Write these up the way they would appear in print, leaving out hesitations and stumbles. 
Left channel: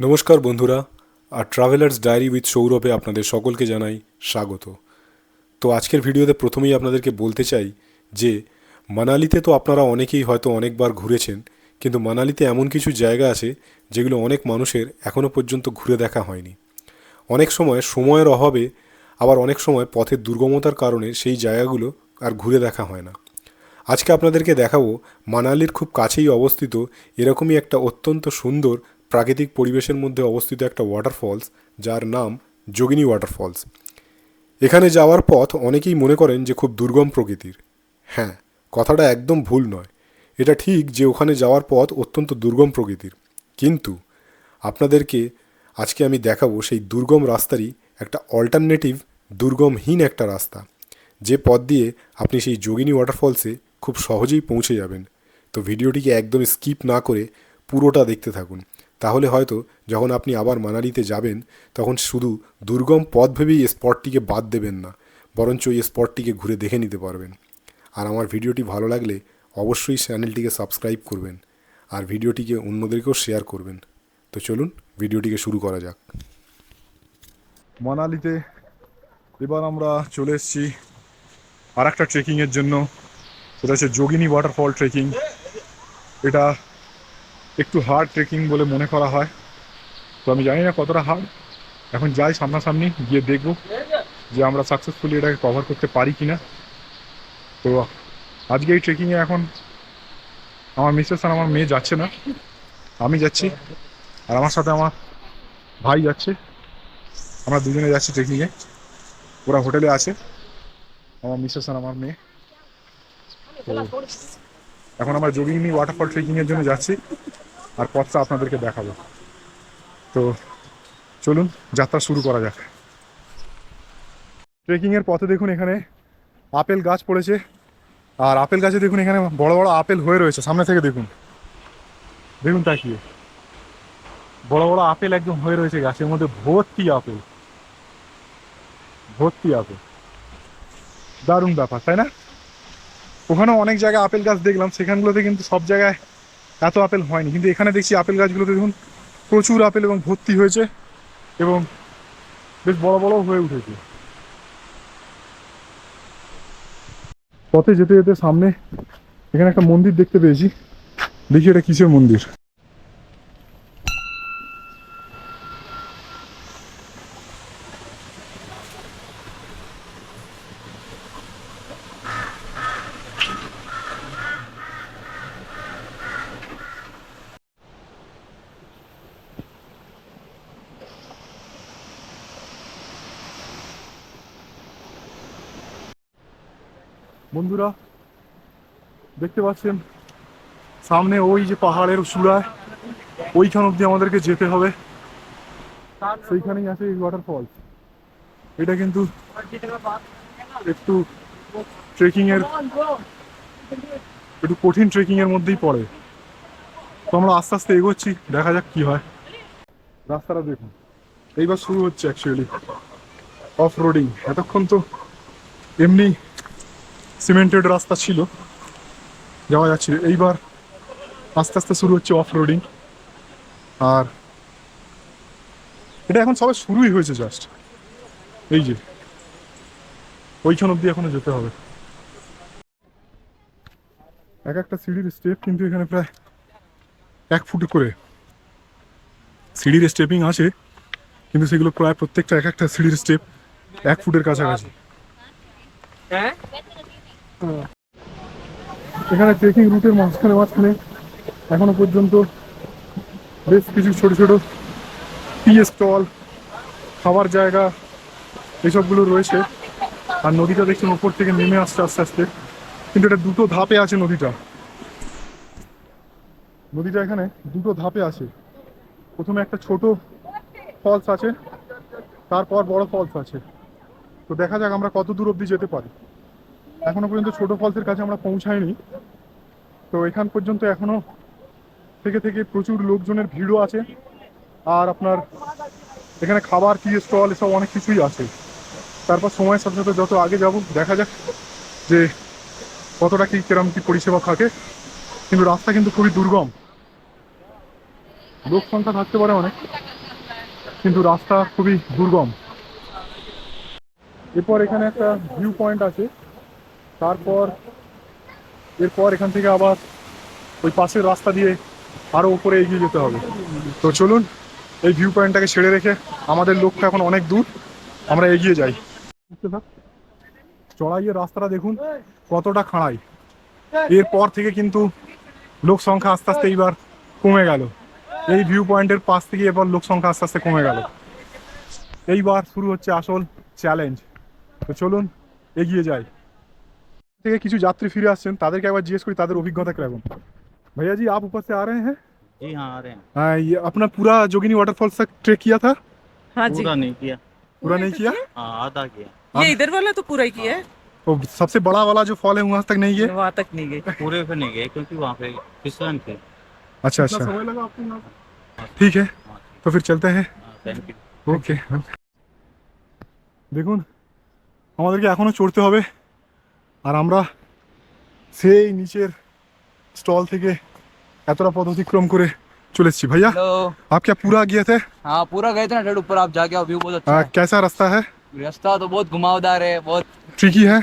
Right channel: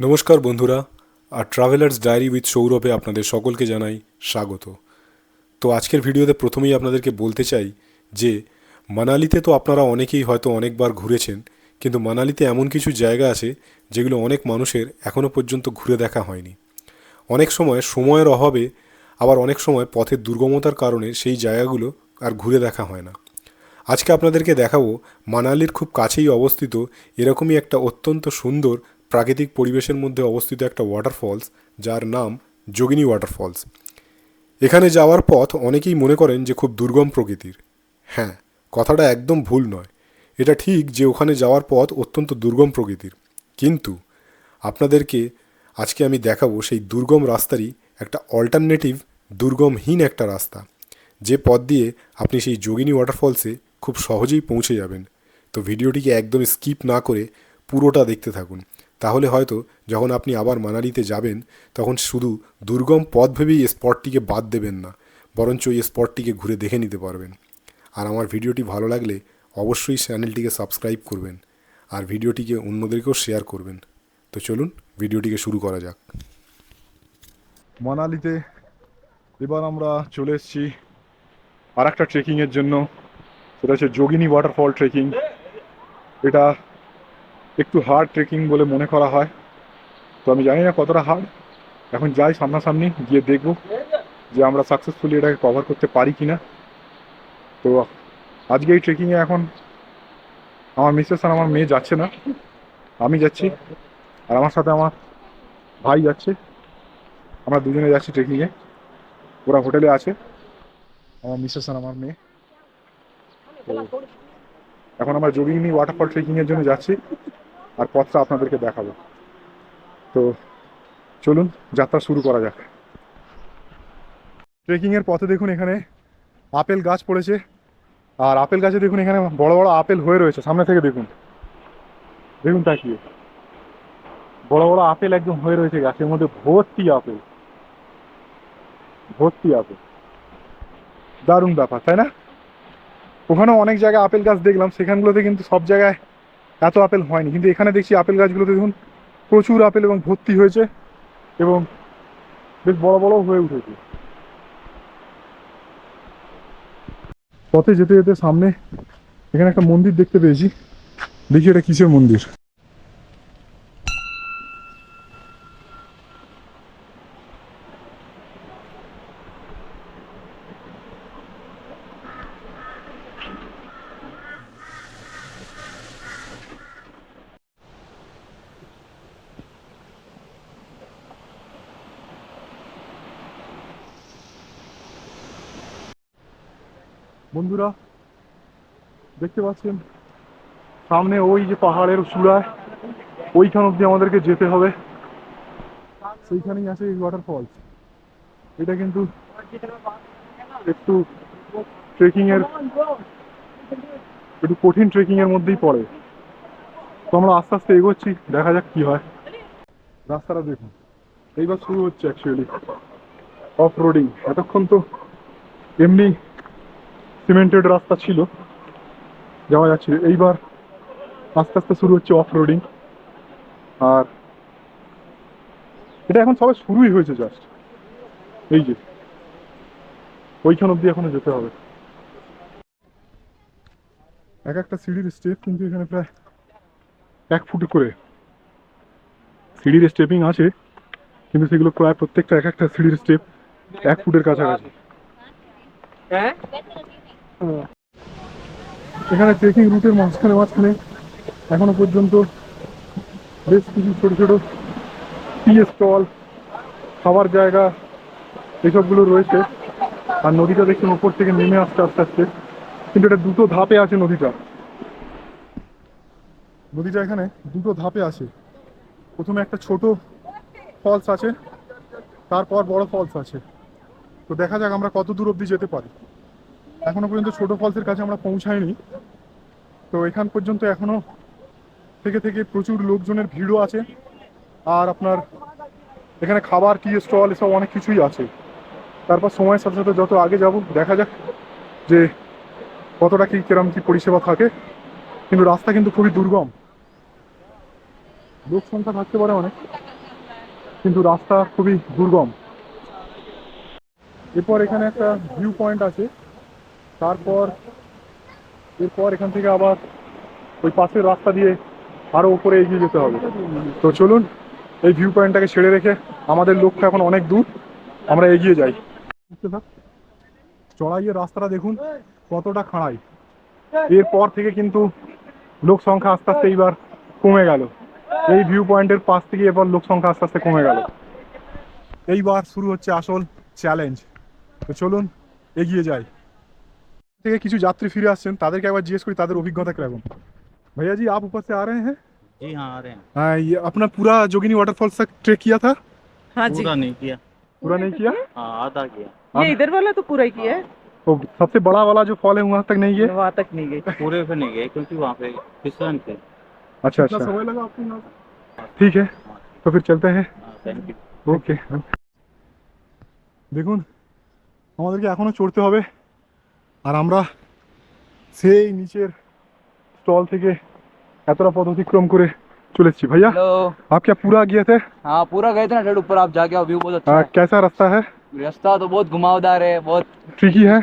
নমস্কার বন্ধুরা, আর travellers diary with সৌরভে আপনাদের সকলকে জানাই স্বাগত। তো আজকের ভিডিওতে প্রথমেই আপনাদেরকে বলতে চাই যে মানালিতে তো আপনারা অনেকেই হয়তো অনেকবার ঘুরেছেন, কিন্তু মানালিতে এমন কিছু জায়গা আছে যেগুলো অনেক মানুষের এখনও পর্যন্ত ঘুরে দেখা হয়নি। অনেক সময় সময়ের অভাবে, আবার অনেক সময় পথের দুর্গমতার কারণে সেই জায়গাগুলো আর ঘুরে দেখা হয় না। আজকে আপনাদেরকে দেখাবো মানালির খুব কাছেই অবস্থিত এরকমই একটা অত্যন্ত সুন্দর প্রাকৃতিক পরিবেশের মধ্যে অবস্থিত একটা ওয়াটারফলস, যার নাম যোগিনী ওয়াটারফলস। এখানে যাওয়ার পথ অনেকেই মনে করেন যে খুব দুর্গম প্রকৃতির। হ্যাঁ, কথাটা একদম ভুল নয়। এটা ঠিক যে ওখানে যাওয়ার পথ অত্যন্ত দুর্গম প্রকৃতির, কিন্তু আপনাদেরকে আজকে আমি দেখাবো সেই দুর্গম রাস্তারই একটা অল্টারনেটিভ, দুর্গমহীন একটা রাস্তা, যে পথ দিয়ে আপনি সেই যোগিনী ওয়াটারফলসে খুব সহজেই পৌঁছে যাবেন। তো ভিডিওটিকে একদম স্কিপ না করে পুরোটা দেখতে থাকুন। তাহলে হয়তো যখন আপনি আবার মানালিতে যাবেন, তখন শুধু দুর্গম পথ ভেবেই এই স্পটটিকে বাদ দেবেন না, বরঞ্চ এই স্পটটিকে ঘুরে দেখে নিতে পারবেন। আর আমার ভিডিওটি ভালো লাগলে অবশ্যই চ্যানেলটিকে সাবস্ক্রাইব করবেন, আর ভিডিওটিকে অন্যদেরকেও শেয়ার করবেন। তো চলুন ভিডিওটিকে শুরু করা যাক। মানালিতে এবার আমরা চলে এসেছি আর একটা ট্রেকিংয়ের জন্য। সেটা হচ্ছে যোগিনী ওয়াটারফল ট্রেকিং। এটা একটু হার্ড ট্রেকিং বলে মনে করা হয়, তো আমি জানি না কতটা হার্ড। এখন যাই সামনাসামনি গিয়ে দেখব যে আমরা সাকসেসফুলি এটাকে কভার করতে পারি কিনা। তো আজকে এই ট্রেকিংয়ে এখন আমার মিসেস আর আমার মেয়ে যাচ্ছে না, আমি যাচ্ছি, আর আমার সাথে আমার ভাই যাচ্ছে। আমরা দুজনে যাচ্ছি ট্রেকিংয়ে। ওরা হোটেলে আছে, আমার মিসেস আর আমার মেয়ে। তো এখন আমরা যোগিনী ওয়াটারফল ট্রেকিংয়ের জন্য যাচ্ছি, আর পথটা আপনাদেরকে দেখাবো। তো চলুন যাত্রা শুরু করা যাক। ট্রেকিংয়ের পথে দেখুন এখানে আপেল গাছ পড়েছে, আর আপেল গাছে দেখুন এখানে বড় বড় আপেল হয়ে রয়েছে। সামনে থেকে দেখুন, দেখুন তাকিয়ে বড় বড় আপেল একদম হয়ে রয়েছে গাছের মধ্যে, ভর্তি আপেল, ভর্তি আপেল। দারুণ ব্যাপার, তাই না? ওখানেও অনেক জায়গায় আপেল গাছ দেখলাম, সেখানগুলোতে কিন্তু সব জায়গায় এত আপেল হয়নি, কিন্তু এখানে দেখছি আপেল গাছগুলোতে দেখুন প্রচুর আপেল এবং ভর্তি হয়েছে, এবং বেশ বড় বড়ও হয়ে উঠেছে। পথে যেতে যেতে সামনে এখানে একটা মন্দির দেখতে পেয়েছি, দেখি এটা কিসের মন্দির। বন্ধুরা দেখতে পাচ্ছেন সামনে ওই যে পাহাড়ের চূড়ায়, ওইখান অব্দি আমাদেরকে যেতে হবে, সেইখানেই আছে এই ওয়াটারফলস। এটা কিন্তু একটু ট্রেকিং এর, একটু কঠিন ট্রেকিং এর মধ্যেই পড়ে। তো আমরা আস্তে আস্তে এগোচ্ছি, দেখা যাক কি হয়। রাস্তাটা দেখুন, এইবার শুরু হচ্ছে অ্যাকচুয়ালি অফ রোডিং। এতক্ষণ তো এমনি সিমেন্টেড রাস্তা ছিল, যাওয়া যাচ্ছিল। এইবার আস্তে আস্তে শুরু হচ্ছে অফ রোডিং, আর এটা এখন সবে শুরুই হয়েছে জাস্ট। এই যে ওইখান অব্দি এখনো যেতে হবে। এক একটা সিঁড়ির স্টেপ কিন্তু এখানে প্রায় 1 ফুট করে সিঁড়ির স্টেপিং আছে, কিন্তু সেগুলো প্রায় প্রত্যেকটা এক একটা সিঁড়ির স্টেপ 1 ফুটের কাছাকাছি। এখানে ট্রেকিং রুটের মাঝখানে মাঝখানে এখনো পর্যন্ত বেশ কিছু ছোট ছোট টি স্টল, খাবার জায়গা, এইসবগুলো রয়েছে। আর নদীটা দেখছেন উপর থেকে নেমে আসছে আস্তে আস্তে, কিন্তু এটা দুটো ধাপে আছে নদীটা। নদীটা এখানে দুটো ধাপে আছে। প্রথমে একটা ছোট ফলস আছে, তারপর বড় ফলস আছে। তো দেখা যাক আমরা কত দূর অব্দি যেতে পারি। এখনো পর্যন্ত ছোট ফলসের কাছে আমরা পৌঁছাইনি, তো এখান পর্যন্ত এখনো থেকে থেকে প্রচুর লোকজনের ভিড়ও আছে। আর আপনার এখানে খাবার, টি স্টল, এসব অনেক কিছুই আছে। তারপর সময়ের সাথে সাথে যত আগে যাব দেখা যাক যে কতটা কি কিরম কি পরিষেবা থাকে। কিন্তু রাস্তা কিন্তু খুবই দুর্গম। লোক সংখ্যা থাকতে পারে অনেক, কিন্তু রাস্তা খুবই দুর্গম। এরপর এখানে একটা ভিউ পয়েন্ট আছে, তারপর এরপর এখান থেকে আবার ওই পাশের রাস্তা দিয়ে আরো উপরে এগিয়ে যেতে হবে। তো চলুন এই ভিউ পয়েন্টটাকে ছেড়ে রেখে, আমাদের লক্ষ্য এখন অনেক দূর, আমরা এগিয়ে যাই। চড়াইয়ের রাস্তাটা দেখুন কতটা খাড়াই। এরপর থেকে কিন্তু লোক সংখ্যা আস্তে আস্তে এইবার কমে গেল। এই ভিউ পয়েন্টের পাশ থেকে এবার লোক সংখ্যা আস্তে আস্তে কমে গেল। এইবার শুরু হচ্ছে আসল চ্যালেঞ্জ। তো চলুন এগিয়ে যাই। থেকে কিছু যাত্রী ফিরে আসছেন, তাদেরকে একবার জিজ্ঞেস করি তাদের অভিজ্ঞতা কিরকম। भैया जी आप ऊपर से आ रहे हैं? जी हाँ आ रहे हैं। हाँ, ये अपना पूरा जोगिनी वाटरफॉल्स तक ट्रेक किया था? हाँ जी। पूरा नहीं किया। पूरा नहीं किया? हाँ आधा किया। ये इधर वाला तो पूरा ही किया है, तो सबसे बड़ा वाला जो फॉल है वहां तक नहीं गए? वहां तक नहीं गई। पूरे पे नहीं गए क्योंकि वहाँ पे फिसलन थे। अच्छा अच्छा, समय लगा आपको यहाँ? ठीक है, हाँ तो फिर चलते हैं। Thank you. ওকে, দেখুন আমাদেরকে এখনো চড়তে হবে, আর আমরা সেই নিচের স্টল থেকে এতটা পথ অতিক্রম করে চলে এসেছি। भैया हेलो। आप क्या पूरा गए थे? हाँ पूरा गए थे ना डेढ़ ऊपर, आप जाके आओ, व्यू बहुत अच्छा है। कैसा रास्ता है? रास्ता तो बहुत घुमावदार है, बहुत ट्रिकी है?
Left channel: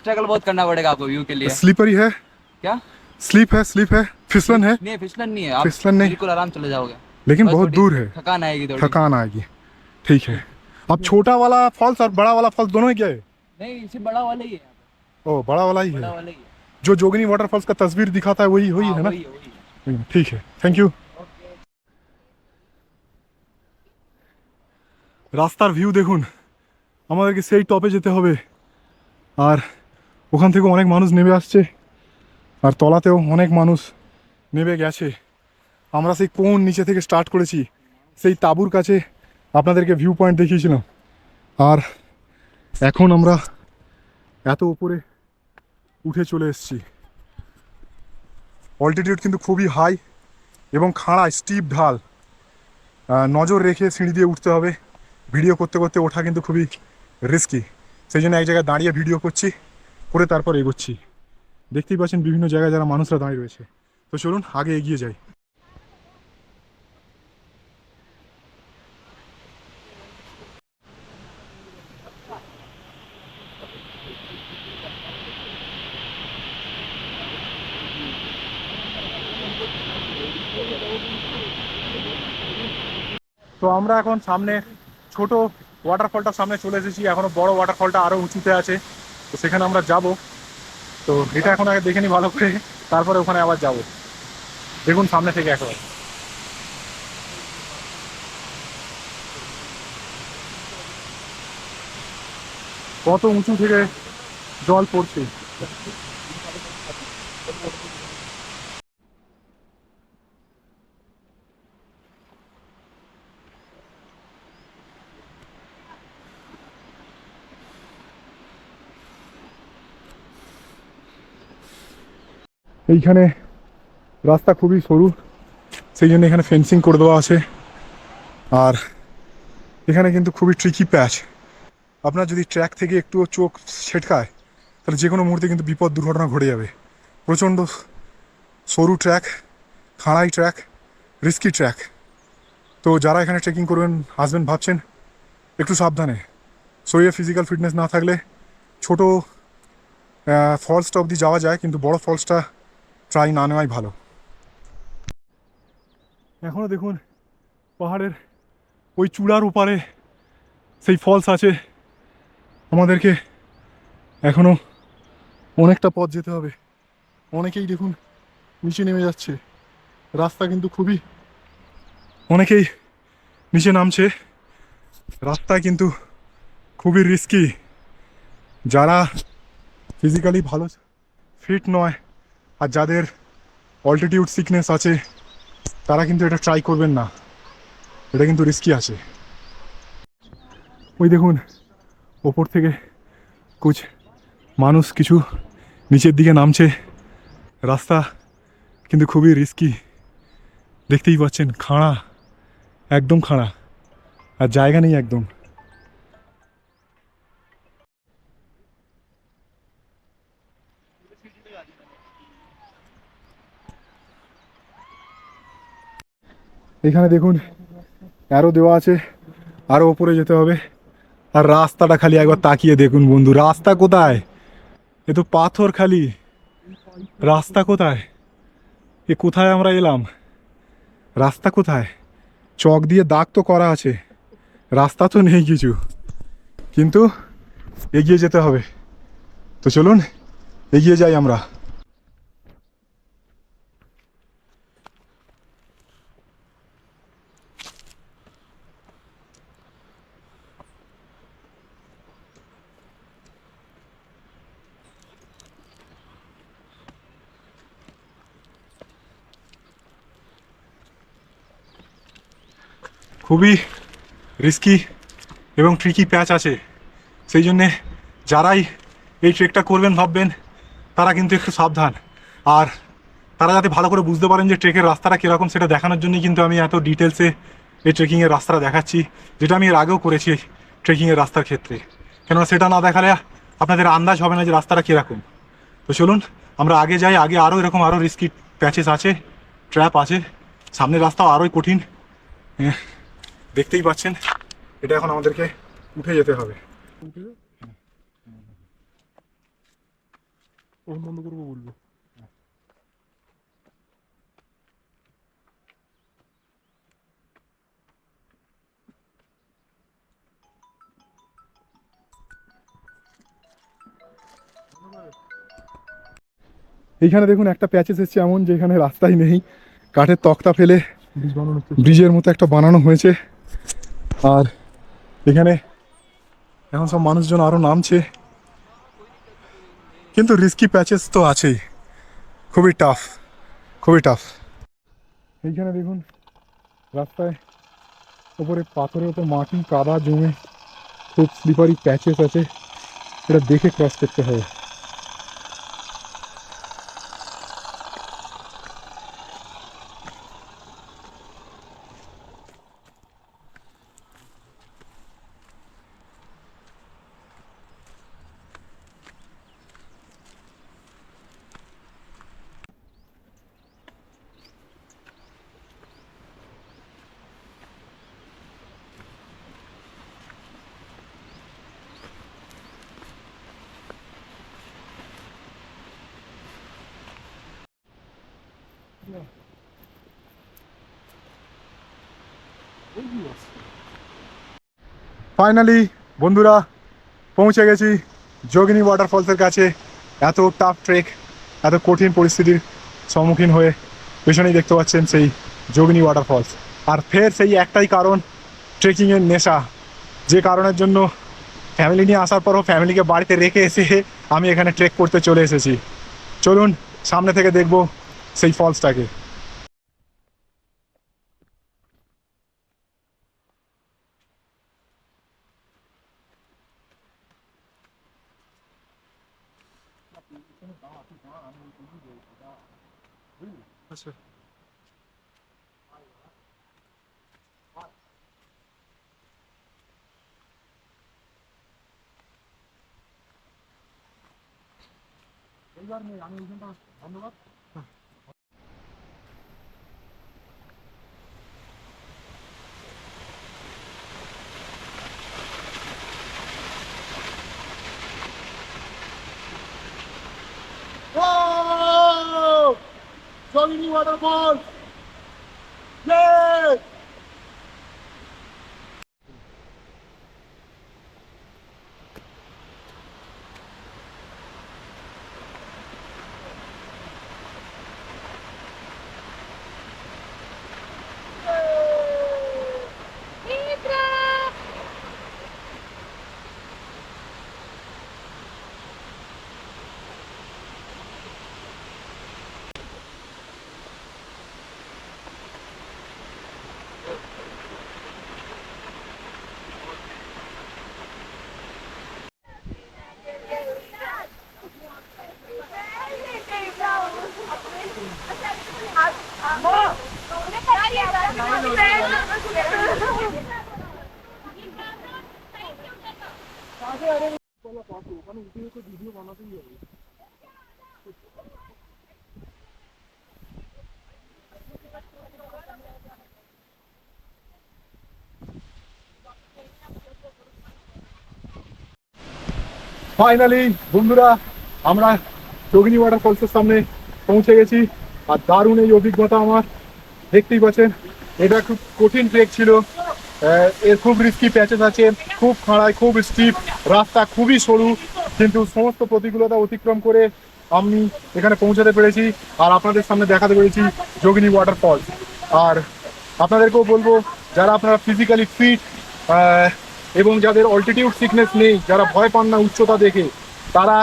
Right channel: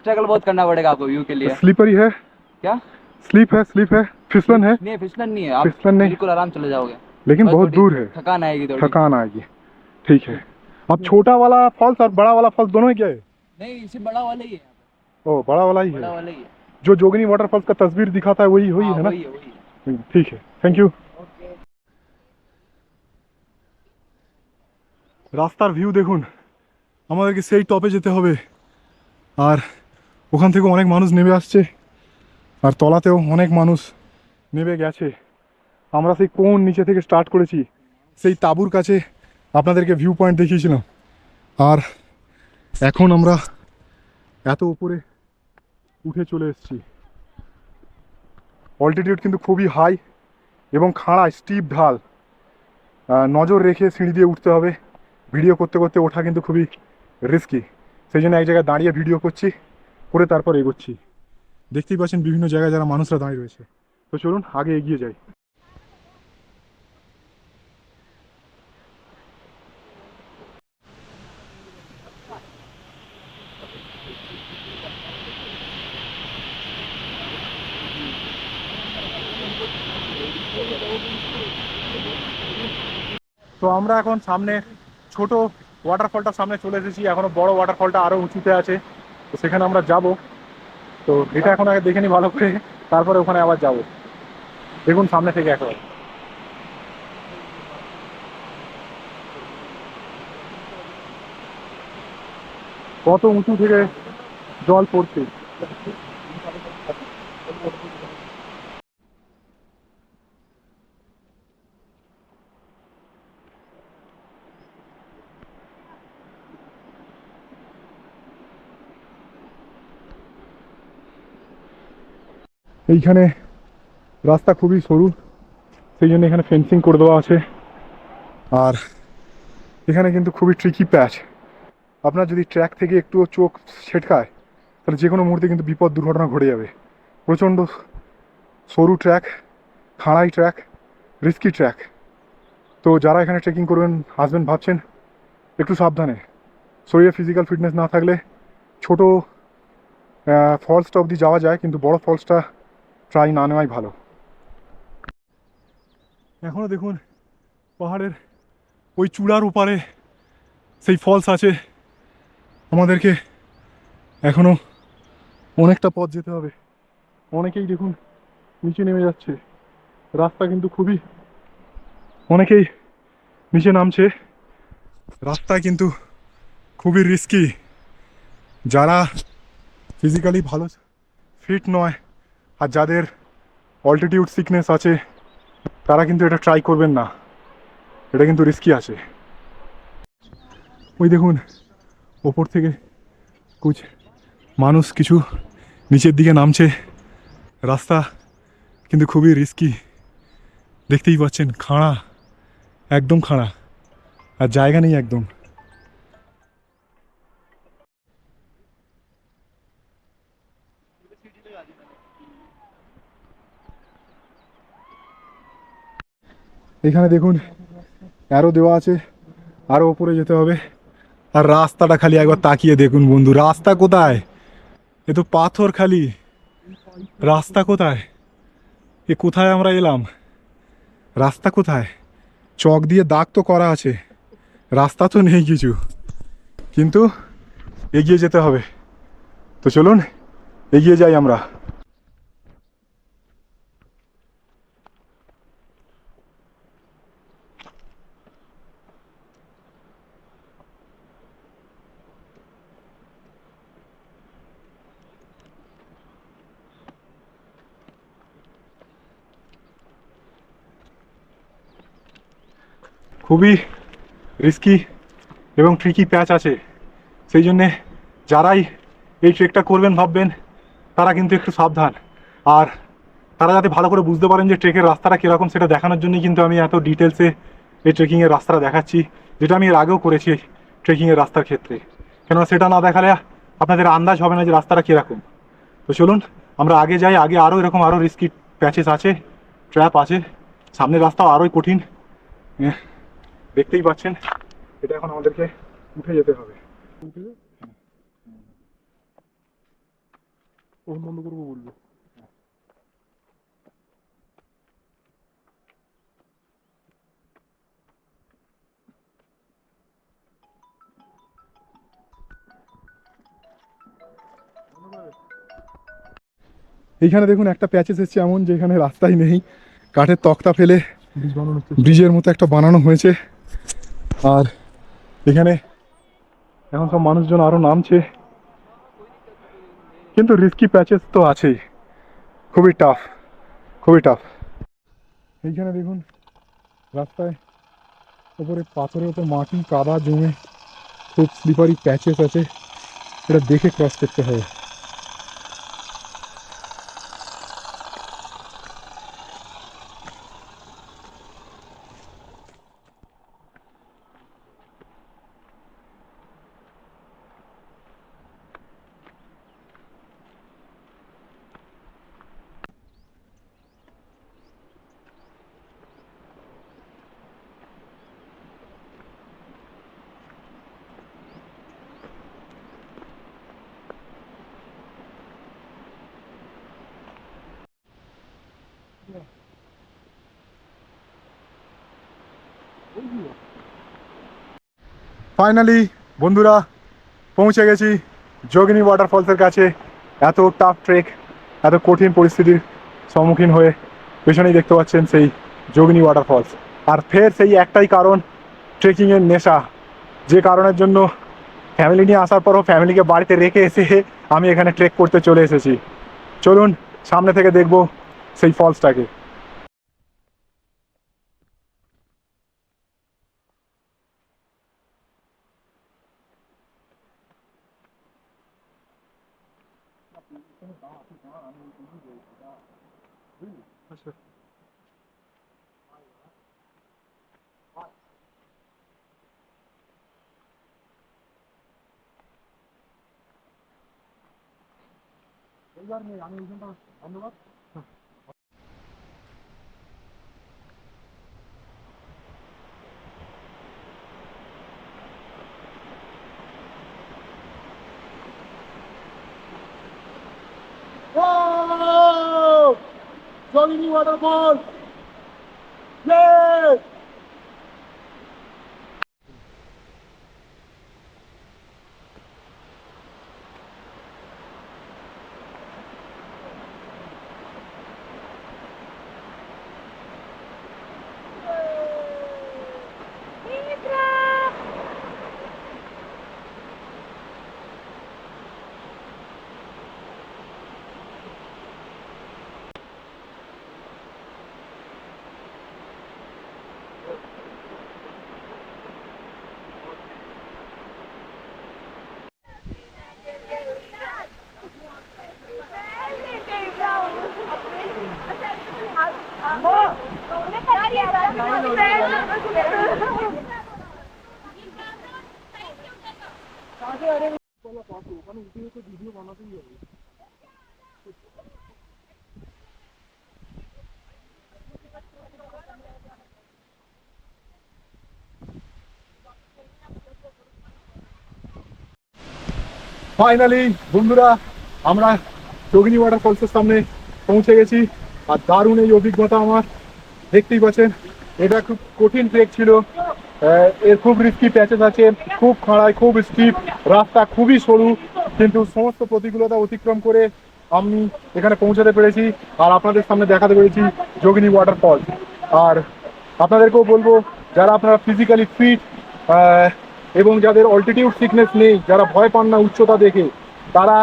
स्ट्रगल बहुत करना पड़ेगा आपको व्यू के लिए। स्लीपरी है? क्या? स्लीप है, फिसलन है, नहीं फिसलन नहीं है, आप फिसलन नहीं, बिल्कुल आराम चले जाओगे। लेकिन बस बहुत थोड़ी दूर है, थकान आएगी थोड़ी। थकान आएगी। ठीक है, अब छोटा वाला फॉल्स और बड़ा वाला फॉल्स दोनों ही गए? नहीं सिर्फ बड़ा वाला ही है, ओ बड़ा वाला ही बड़ा है, वाला ही है। जो जोगिनी वाटरफॉल्स का तस्वीर दिखाता है वही वही हाँ, है ना? वही है, वही है। ठीक है, थैंक यू। রাস্তার ভিউ দেখুন, আমাদেরকে সেই টপে যেতে হবে, আর ওখান থেকে অনেক মানুষ নেমে আসছে, আর তলাতেও অনেক মানুষ নেমে গেছে। আমরা সেই কোন নিচে থেকে স্টার্ট করেছি, সেই তাঁবুর কাছে আপনাদেরকে ভিউ পয়েন্ট দেখিয়েছিলাম, আর এখন আমরা এত উপরে উঠে চলে এসেছি। অল্টিটিউড কিন্তু খুবই হাই এবং খাড়া স্টিপ ঢাল, নজর রেখে সিঁড়ি দিয়ে উঠতে হবে। ভিডিও করতে করতে ওঠা কিন্তু খুবই রিস্কি, সেই জন্য এক জায়গায় দাঁড়িয়ে ভিডিও করছি, করে তারপর এগোচ্ছি। দেখতেই পাচ্ছেন বিভিন্ন জায়গায় যারা মানুষরা দাঁড়িয়ে রয়েছে। তো চলুন আগে এগিয়ে যাই। তো আমরা এখন সামনে ছোট ওয়াটারফলটার সামনে চলে এসেছি, এখনো বড় ওয়াটারফলটা আরো উঁচুতে আছে, তো সেখানে আমরা যাব। তো এটা এখন আগে দেখে নিই ভালো করে, তারপরে ওখানে আবার যাব। দেখুন সামনে থেকে একেবারে কত উঁচু থেকে জল পড়ছে। এইখানে রাস্তা খুবই সরু, সেই জন্য এখানে ফেন্সিং করে দেওয়া আছে, আর এখানে কিন্তু খুবই ট্রিকি প্যাচ। আপনার যদি ট্র্যাক থেকে একটুও চোখ ছেটকায় তাহলে যে কোনো মুহূর্তে কিন্তু বিপদ দুর্ঘটনা ঘটে যাবে। প্রচণ্ড সরু ট্র্যাক, খাড়াই ট্র্যাক, রিস্কি ট্র্যাক। তো যারা এখানে ট্রেকিং করবেন আসবেন ভাবছেন, একটু সাবধানে। শরীরে ফিজিক্যাল ফিটনেস না থাকলে ছোটো ফলসটা অবধি যাওয়া যায়, কিন্তু বড় ফলসটা ট্রাই না নেওয়াই ভালো। এখনও দেখুন পাহাড়ের ওই চূড়ার ওপারে সেই ফলস আছে, আমাদেরকে এখনও অনেকটা পথ যেতে হবে। অনেকেই দেখুন নিচে নেমে যাচ্ছে, রাস্তা কিন্তু খুবই, অনেকেই নিচে নামছে, রাস্তা কিন্তু খুবই রিস্কি। যারা ফিজিক্যালি ভালো ফিট নয় আর যাদের অল্টিটিউড সিকনেস আছে তারা কিন্তু এটা ট্রাই করবেন না, এটা কিন্তু রিস্কি আছে। ওই দেখুন ওপর থেকে মানুষ কিছু নিচের দিকে নামছে, রাস্তা কিন্তু খুবই রিস্কি। দেখতেই পাচ্ছেন খাড়া, একদম খাড়া, আর জায়গা নেই একদম। এখানে দেখুন অ্যারো দেওয়া আছে, আরও উপরে যেতে হবে। আর রাস্তাটা খালি একবার তাকিয়ে দেখুন বন্ধু, রাস্তা কোথায়? এ তো পাথর খালি, রাস্তা কোথায়? এ কোথায় আমরা এলাম? রাস্তা কোথায়? চক দিয়ে দাগ তো করা আছে, রাস্তা তো নেই কিছু, কিন্তু এগিয়ে যেতে হবে। তো চলুন এগিয়ে যাই আমরা। খুবই রিস্কি এবং ট্রিকি প্যাচ আছে, সেই জন্যে যারাই এই ট্রেকটা করবেন ভাববেন তারা কিন্তু একটু সাবধান। আর তারা যাতে ভালো করে বুঝতে পারেন যে ট্রেকের রাস্তাটা কীরকম সেটা দেখানোর জন্যই কিন্তু আমি এত ডিটেলসে এই ট্রেকিংয়ের রাস্তাটা দেখাচ্ছি, যেটা আমি এর আগেও করেছি ট্রেকিংয়ের রাস্তার ক্ষেত্রে। কেননা সেটা না দেখালে আপনাদের আন্দাজ হবে না যে রাস্তাটা কীরকম। তো চলুন আমরা আগে যাই, আগে আরও এরকম আরও রিস্কি প্যাচেস আছে, ট্র্যাপ আছে, সামনের রাস্তাও আরোই কঠিন। দেখতেই পাচ্ছেন, এটা এখন আমাদেরকে উঠে যেতে হবে। বন্ধ করবো বলবো। এইখানে দেখুন একটা প্যাচেস এসছে এমন যে এখানে রাস্তাই নেই, কাঠের তক্তা ফেলে ব্রিজের মতো একটা বানানো হয়েছে। আর এখানে এখন সব মানুষজন আরও নামছে, কিন্তু রিস্কি প্যাচেস তো আছেই, খুবই টাফ, খুবই টাফ। এইখানে দেখুন রাস্তায় ওপরে পাথরের ওপর মাটি কাদা জমে খুব স্লিপারি প্যাচেস আছে, এটা দেখে ক্রস করতে হবে। ফাইনালি বন্ধুরা পৌঁছে গেছি যোগিনী ওয়াটারফলসের কাছে। এত টাফ ট্রেক, এত কঠিন পরিস্থিতির সম্মুখীন হয়ে পেছনেই দেখতে পাচ্ছেন সেই যোগিনী ওয়াটারফলস। আর ফের সেই একটাই কারণ, ট্রেকিংয়ের নেশা, যে কারণের জন্য ফ্যামিলি নিয়ে আসার পরও ফ্যামিলিকে বাড়িতে রেখে এসে আমি এখানে ট্রেক করতে চলে এসেছি। চলুন সামনে থেকে দেখব সেই ফলসটাকে। যোগিনী ওয়াটারফল, ফাইনালি বন্ধুরা আমরা যোগিনী ওয়াটারফলসের সামনে পৌঁছে গেছি। আর দারুণ এই অভিজ্ঞতা আমার, দেখতেই পাচ্ছেন এটা খুব কঠিন ট্রেক ছিল। এর খুব রিস্কি প্যাচেস আছে, খুব খাড়াই, খুব স্টিপ, রাস্তা খুবই সরু, কিন্তু সমস্ত প্রতিকূলতা অতিক্রম করে আমি এখানে পৌঁছাতে পেরেছি আর আপনাদের সামনে দেখাতে পেরেছি যোগিনী ওয়াটারফলস। আর আপনাদেরকেও বলবো, যারা আপনারা ফিজিক্যালি ফিট এবং যাদের অল্টিটিউড সিকনেস নেই, যারা ভয় পান না উচ্চতা দেখে, তারা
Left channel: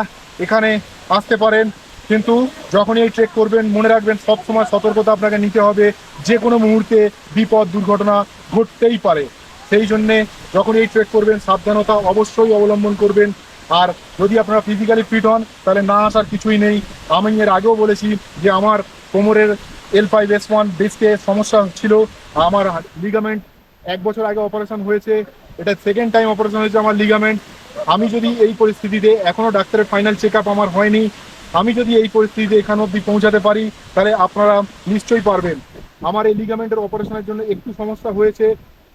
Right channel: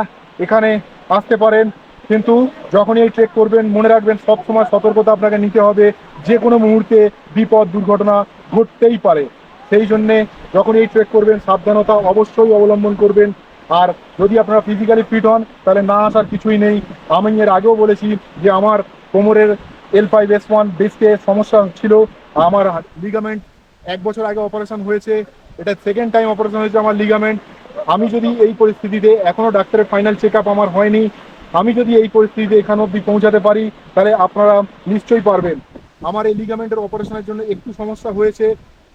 এখানে আসতে পারেন। কিন্তু যখনই এই ট্রেক করবেন মনে রাখবেন সবসময় সতর্কতা আপনাকে নিতে হবে, যে কোনো মুহূর্তে বিপদ দুর্ঘটনা ঘটতেই পারে। সেই জন্যে যখন এই ট্রেক করবেন সাবধানতা অবশ্যই অবলম্বন করবেন। আর যদি আপনারা ফিজিক্যালি ফিট হন তাহলে না আসার কিছুই নেই। আমি এর আগেও বলেছি যে আমার কোমরের L5S1 ডিস্কে সমস্যা ছিল, আমার লিগামেন্ট 1 বছর আগে অপারেশন হয়েছে, এটা সেকেন্ড টাইম অপারেশন হয়েছে আমার লিগামেন্ট। আমি যদি এই পরিস্থিতিতে, এখনও ডাক্তারের ফাইনাল চেক আপ আমার হয়নি, আমি যদি এই পরিস্থিতিতে এখান অবধি পৌঁছাতে পারি তাহলে আপনারা নিশ্চয়ই পারবেন। আমার এই লিগামেন্টের অপারেশনের জন্য একটু সমস্যা হয়েছে,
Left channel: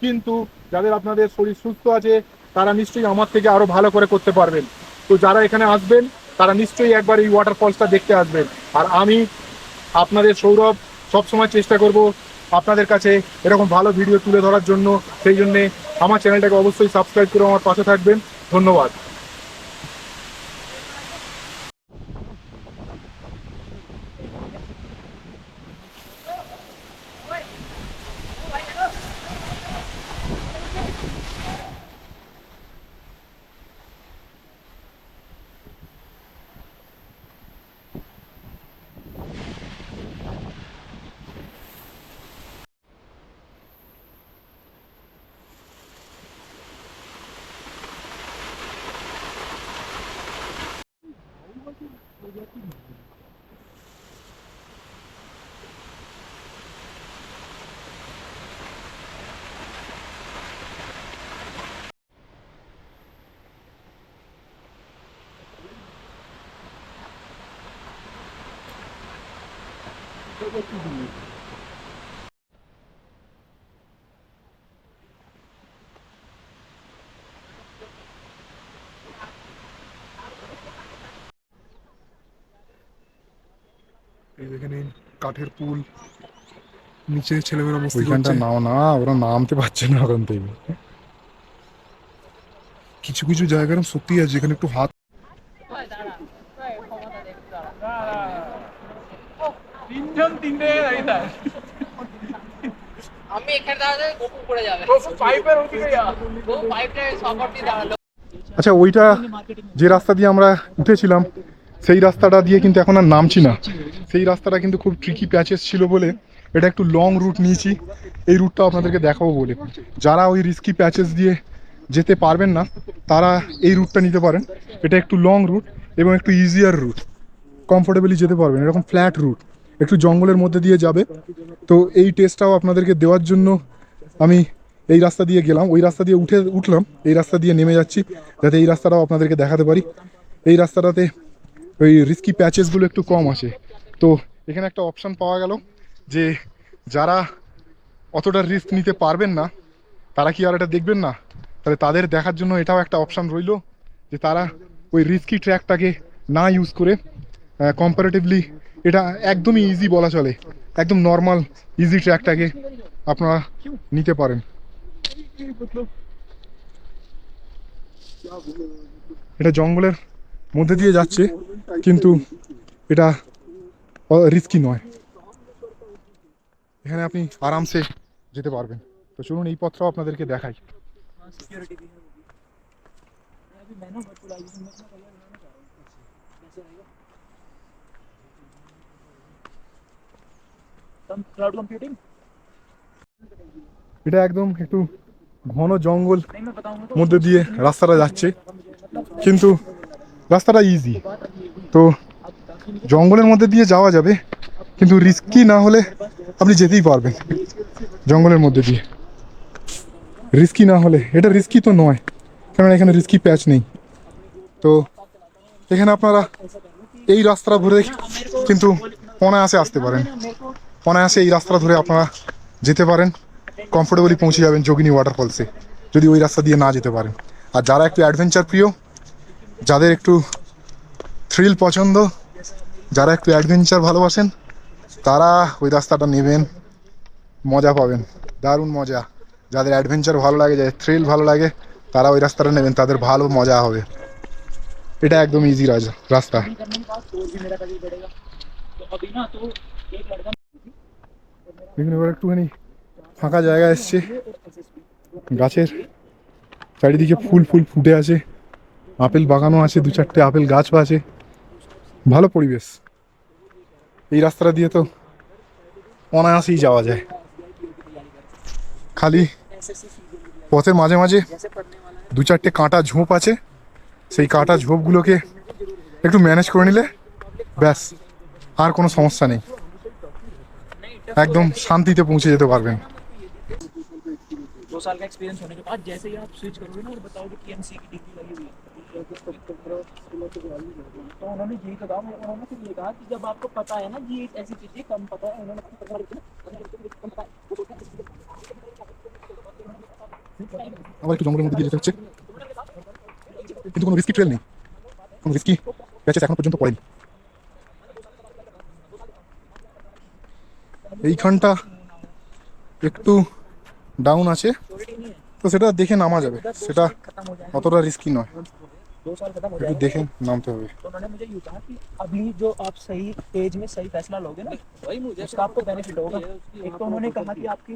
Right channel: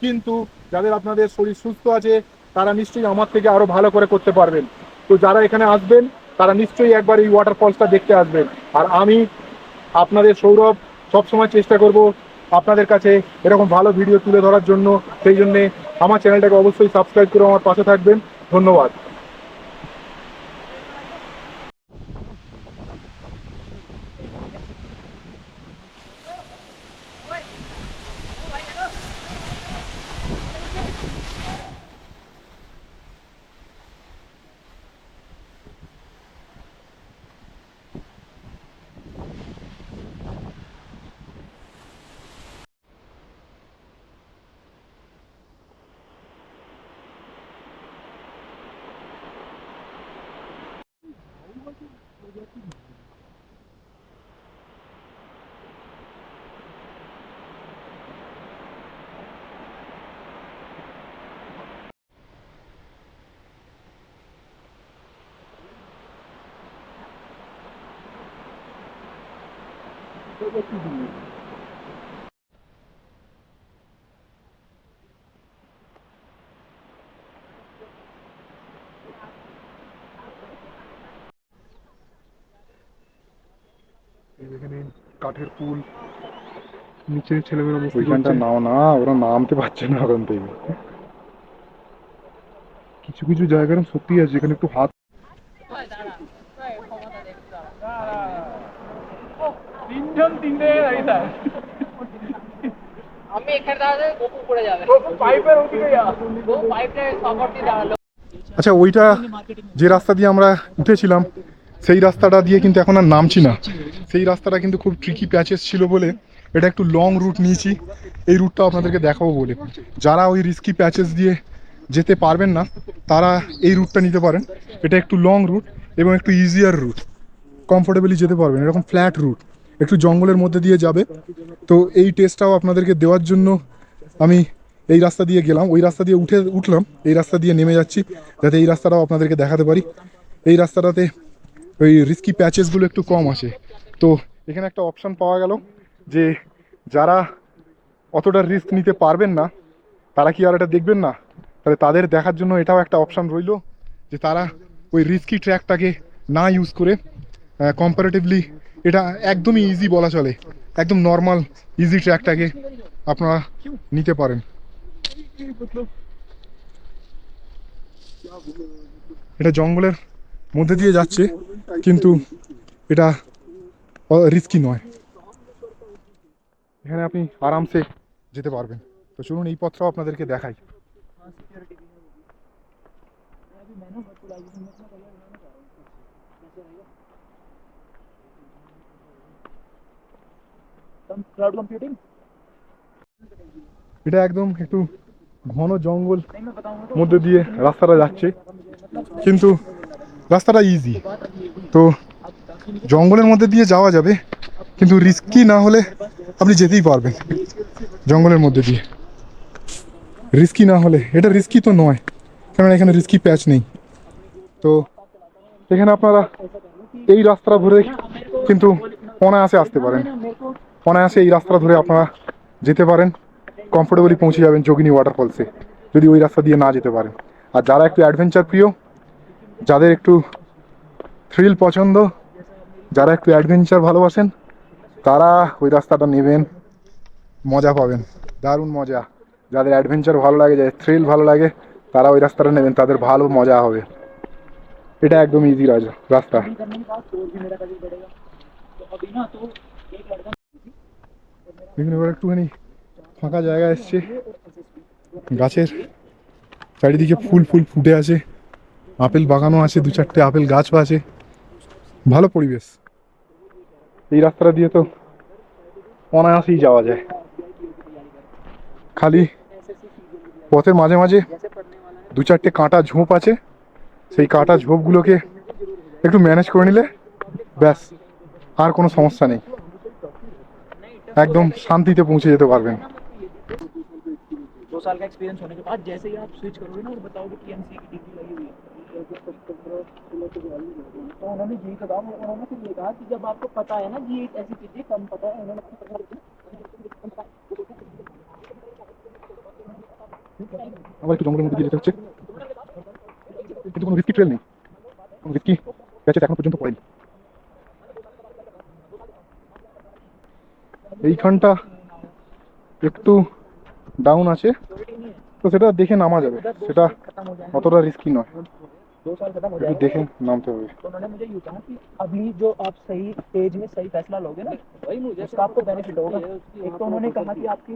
কিন্তু যাদের আপনাদের শরীর সুস্থ আছে তারা নিশ্চয়ই আমার থেকে আরও ভালো করে করতে পারবেন। তো যারা এখানে আসবেন তারা নিশ্চয়ই একবার এই ওয়াটারফলসটা দেখতে আসবেন। আর আমি আপনাদের সৌরভ সবসময় চেষ্টা করব আপনাদের কাছে এরকম ভালো ভিডিও তুলে ধরার জন্য। সেই জন্যে আমার চ্যানেলটাকে অবশ্যই সাবস্ক্রাইব করে আমার পাশে থাকবেন। ধন্যবাদ। এখানে কাঠের পুল, নিচে ছেলেমেয়েরা মস্তি ওইখানটা করছে। নাও না, ওরা নামতে পারছে না ওখান থেকে। কিছু কিছু জায়গা এরকম সত্যি আছে যেখানে একটু হাত আমি এখানে দাঁড়ালে গোপু পড়ে যাবে। গোপু পাইপের ওদিকে যা। গোপু পাইপটা সাপোর্ট দিয়ে দাঁড়ালো। আচ্ছা, ওইটা যে রাস্তা দিয়ে আমরা উঠেছিলাম সেই রাস্তাটা দিয়ে কিন্তু এখন আর নামছি না। সেই রাস্তাটা কিন্তু খুব ট্রিকি প্যাচেস ছিল বলে এটা একটু লং রুট নিয়েছি। এই রুটটা আপনাদেরকে দেখাবো বলে, যারা ওই রিস্কি প্যাচেস দিয়ে যেতে পারবেন না তারা এই রুটটা নিতে পারেন। এটা একটু লং রুট এবং একটু ইজিয়ার রুট, কমফোর্টেবলি যেতে পারবেন। এরকম ফ্ল্যাট রুট একটু জঙ্গলের মধ্যে দিয়ে যাবে। তো এই টেস্টটাও আপনাদেরকে দেওয়ার জন্য আমি এই রাস্তা দিয়ে গেলাম, ওই রাস্তা দিয়ে উঠলাম, এই রাস্তা দিয়ে নেমে যাচ্ছি যাতে এই রাস্তাটাও আপনাদেরকে দেখাতে পারি। এই রাস্তাটাতে ওই রিস্কি প্যাচেসগুলো একটু কম আছে। তো এখানে একটা অপশান পাওয়া গেল যে যারা অতটা রিস্ক নিতে পারবেন না তারা কি আর এটা দেখবেন না, তাহলে তাদের দেখার জন্য এটাও একটা অপশান রইল যে তারা ওই রিস্কি ট্র্যাকটাকে না ইউজ করে কম্পারেটিভলি এটা একদমই ইজি বলা চলে, একদম নর্মাল ইজি ট্র্যাকটাকে আপনারা নিতে পারেন। এটা জঙ্গলের মধ্যে দিয়ে যাচ্ছে কিন্তু এটা রিস্কি নয়, এখানে আপনি আরামসে যেতে পারবেন। তো চলুন এই পথটাও আপনাদেরকে দেখাই। এটা একদম একটু ঘন জঙ্গল মধ্যে দিয়ে রাস্তাটা যাচ্ছে, কিন্তু রাস্তাটা ইজি। তো জঙ্গলের মধ্যে দিয়ে যাওয়া যাবে, কিন্তু রিস্কি না হলে আপনি যেতেই পারবেন জঙ্গলের মধ্যে দিয়ে। রিস্কি না হলে, এটা রিস্কি তো নয় কেননা এখানে রিস্কি প্যাচ নেই। তো এখানে আপনারা এই রাস্তাটা ধরে কিন্তু অনায়াসে আসতে পারেন, অনায়াসে এই রাস্তাটা ধরে আপনারা যেতে পারেন, কমফোর্টেবলি পৌঁছে যাবেন যোগিনী ওয়াটারফলসে যদি ওই রাস্তা দিয়ে না যেতে পারেন। আর যারা একটু অ্যাডভেঞ্চার প্রিয় যাদের একটু থ্রিল পছন্দ, যারা একটু অ্যাডভেঞ্চার ভালোবাসেন, তারা ওই রাস্তাটা নেবেন, মজা পাবেন, দারুণ মজা। যাদের অ্যাডভেঞ্চার ভালো লাগে, যাদের থ্রিল ভালো লাগে, তারা ওই রাস্তাটা নেবেন, তাদের ভালো মজা হবে। এটা একদম ইজি রাস্তা। এখানে এবার একটুখানি ফাঁকা জায়গা এসছে, গাছের চারিদিকে ফুল ফুল ফুটে আছে, আপেল বাগানও আছে, 2-4টে আপেল গাছও আছে, ভালো পরিবেশ। এই রাস্তাটা দিয়ে তো অনায়াসেই যাওয়া যায়। খালি পথের মাঝে মাঝে 2-4টে কাঁটা ঝোপ আছে, সেই কাঁটা ঝোপগুলোকে একটু ম্যানেজ করে নিলে ব্যাস, আর কোনো সমস্যা নেই, একদম শান্তিতে পৌঁছে যেতে পারবেন। 2 साल का एक्सपीरियंस होने के बाद जैसे ही आप स्विच करोगे ना और बताओगे कि एमसी की डिग्री लगी हुई है तो उन्होंने यही कहा, उन्होंने फिर ये कहा कि जब आपको पता है ना कि ये ऐसी चीजें कम पता है, उन्होंने আবার একটু জঙ্গলের মধ্যে দিয়ে যেতে হচ্ছে, কিন্তু কোনো রিস্কি ট্রেল নেই, কোনো রিস্কি প্যাচেস এখনো পর্যন্ত পড়েনি। এইখানটা একটু ডাউন আছে, তো সেটা দেখে নামা যাবে, সেটা অতটা রিস্কি নয়, 2 साल खत्म हो একটু जाएगा। দেখে নামতে হবে। तो उन्होंने मुझे यूँ कहा कि अभी जो आप सही एज में सही फैसला लोगे ना, वही मुझे उसका आपको बेनिफिट होगा। एक तो उन्होंने कहा कि आपकी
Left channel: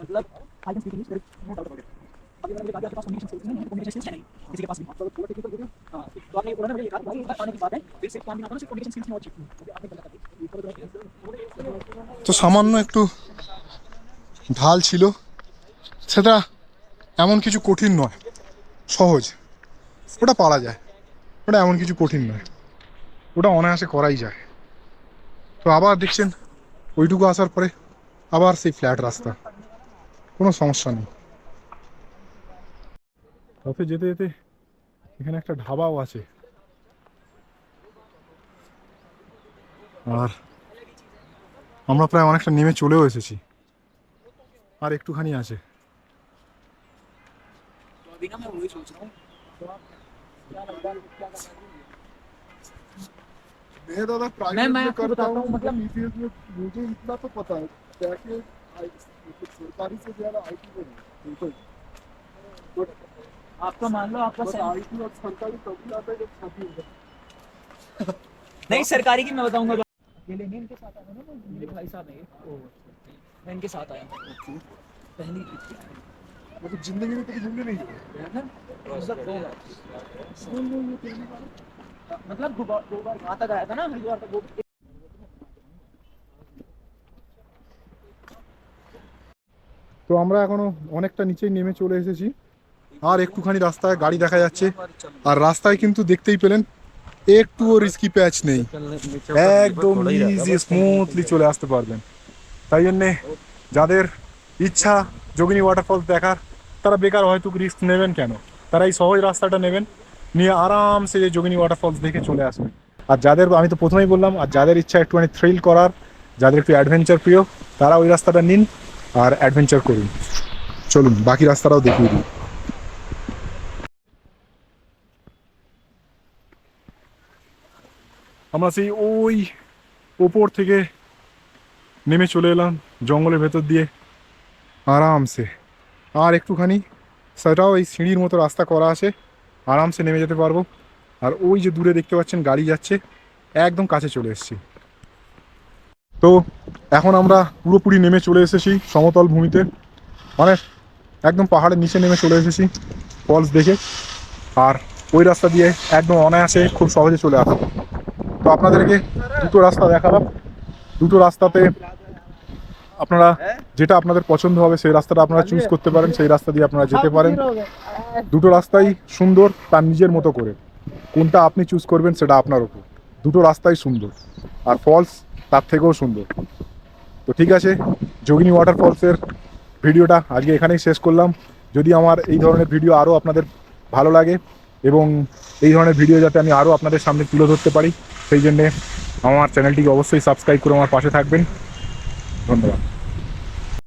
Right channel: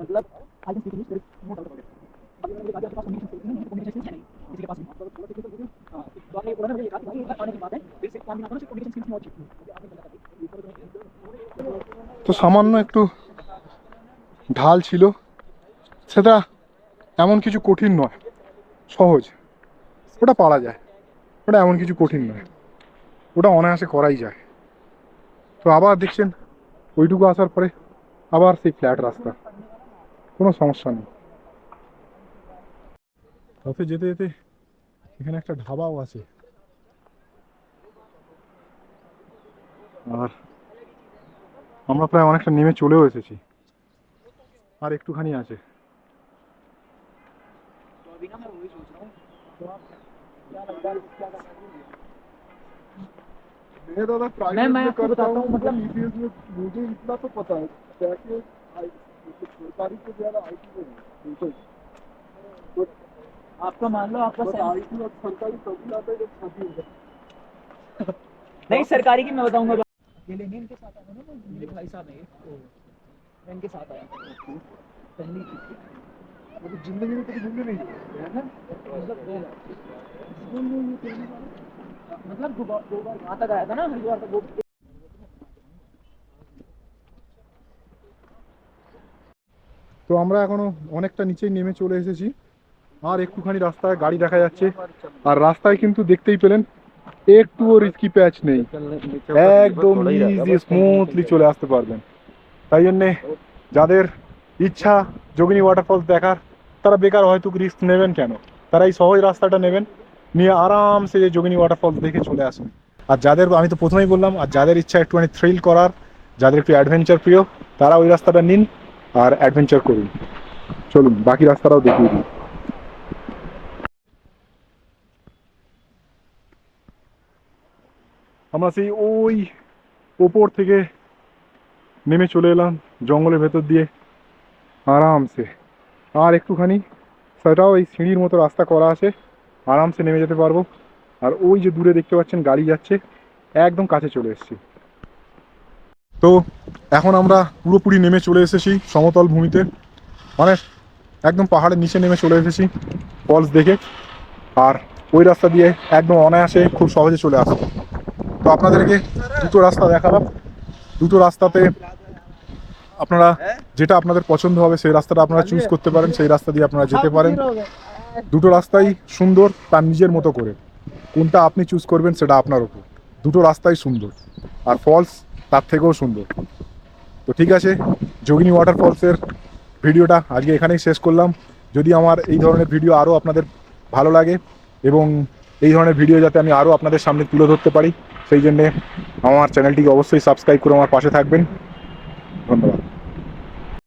मतलब आगे speaking no doubt about it, उन्होंने कहा कि आपके पास कम्युनिकेशन स्किल्स नहीं है, कम्युनिकेशन स्किल्स है नहीं किसी के पास भी। हाँ, तो आपने उन्होंने मुझे ये कहा कि भाई बात आने की बात है, फिर से काम भी ना करो, सिर्फ कम्युनिकेशन स्किल्स में और चीज आपने गलत তো সামান্য একটু ঢাল ছিল, সেটা এমন কিছু কঠিন নয়, সহজ, ওটা পারা যায়, ওটা এমন কিছু কঠিন নয়, ওটা অনায়াসে করাই যায়। তো আবার দেখছেন ওইটুকু আসার পরে আবার সেই ফ্ল্যাট রাস্তা, কোনো সমস্যা নেই। পথে যেতে যেতে এখানে একটা ধাবাও আছে, আর আমরা প্রায় অনেকটা নেমে চলেও এসেছি, আর একটুখানি আছে। अभी ना मैं वही सोच रहा हूँ तो आप क्या लगता है मैं आपको बताता हूँ, मतलब मुझे इतना तो पता है जाके सरकारी से ज्यादा आईटी में आपका मान लो आपका आईटी और सरकारी तभी आता है जब शादी हो जाए। नहीं सरकारी की मैं बताऊंगा। अकेले नहीं इनके साथ आया ना, मेरे भाई साहब है मैं इनके साथ आया पहली मतलब जिंदगी में कभी घूमने नहीं गए है ना, मतलब 2 बार वहाँ तक आया था ना, हरिद्वार तक वो তো আমরা এখনো অনেকটা নিচেই নেমে চলে এসেছি, আর একটুখানি রাস্তায় গাড়ি দেখা যাচ্ছে, আর রাস্তায় কিন্তু দেখতেই পেলেন একটুও রিস্কি প্যাচ নেই, একদম ইজি স্মুথলি চলে আসতে পারবেন। তাই জন্যে যাদের ইচ্ছা যোগিনী ওয়াটারফলস দেখার, তারা বেকার হয়তো রিস্ক নেবেন কেন, তারা এই সহজ রাস্তাটা নেবেন, নিয়ে আরামসে যে যোগিনী ওয়াটারফলস দেখে চলে আসবেন। আর যাদের, আমি তো প্রথমেই বললাম, আর যাদের ইচ্ছা একটুখানি থ্রিল করার, যাদের একটু অ্যাডভেঞ্চার প্রিয়, তারা ওই রাস্তাটা নিন আর অ্যাডভেঞ্চার করুন। চলুন বাকি রাস্তাটাও দেখিয়ে দিই। আমরা সেই ওই ওপর থেকে নেমে চলে এলাম জঙ্গলের ভেতর দিয়ে আরামসে, আর একটুখানি সেটাও এই সিঁড়ির মতো রাস্তা করা আছে, আরামসে নেমে যেতে পারবো। আর ওই যে দূরে দেখতে পাচ্ছেন গাড়ি যাচ্ছে, একদম কাছে চলে এসেছি। তো এখন আমরা পুরোপুরি নেমে চলে এসেছি সমতল ভূমিতে, মানে একদম পাহাড়ের নিচে নেমে চলে এসেছি ফলস দেখে, আর ওই রাস্তা দিয়ে একদম অনায়াসে খুব সহজে চলে আসবো। তো আপনাদেরকে দুটো রাস্তা দেখালাম, দুটো রাস্তাতে আপনারা যেটা আপনাদের পছন্দ হবে সেই রাস্তাটা আপনারা চুজ করতে পারেন, সেই রাস্তা দিয়ে আপনারা যেতে পারেন। দুটো রাস্তাই সুন্দর তার নিজের মতো করে, কোনটা আপনি চুজ করবেন সেটা আপনার উপর, দুটো রাস্তাই সুন্দর, আর ফলস তার থেকেও সুন্দর। তো ঠিক আছে, যোগিনী ওয়াটারফলসের ভিডিওটা আজকে এখানেই শেষ করলাম। যদি আমার এই ধরনের ভিডিও আরও আপনাদের ভালো লাগে এবং এই ধরনের ভিডিও যাতে আমি আরও আপনাদের সামনে তুলে ধরতে পারি, সেই জন্যে আমার চ্যানেলটিকে অবশ্যই সাবস্ক্রাইব করে আমার পাশে থাকবেন। ধন্যবাদ।